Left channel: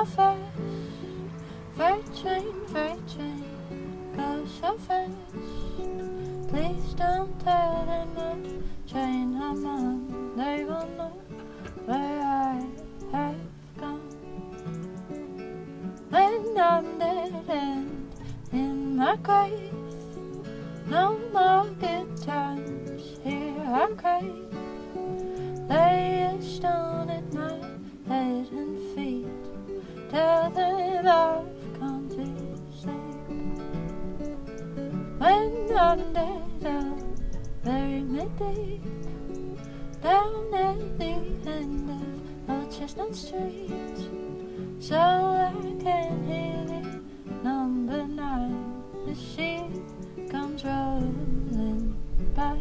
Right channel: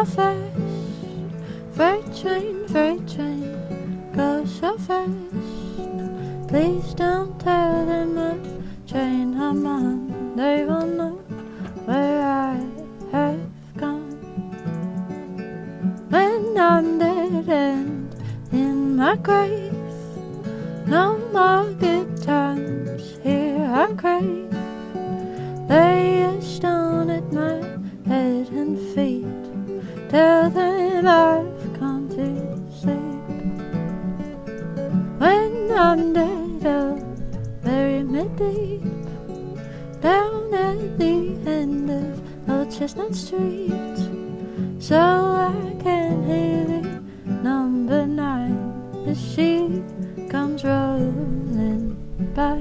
so fast. Freight train, go so fast. Please don't tell them what train I'm on. They won't know where I have gone. When I'm dead and in my grave, no more good times here I crave. Lay a stone at my head and feet, tell them I've gone to sleep. When I'm dead, I'll bury me deep, down at the end of Old Chestnut Street, so I can hear the number 9 as she comes rolling by.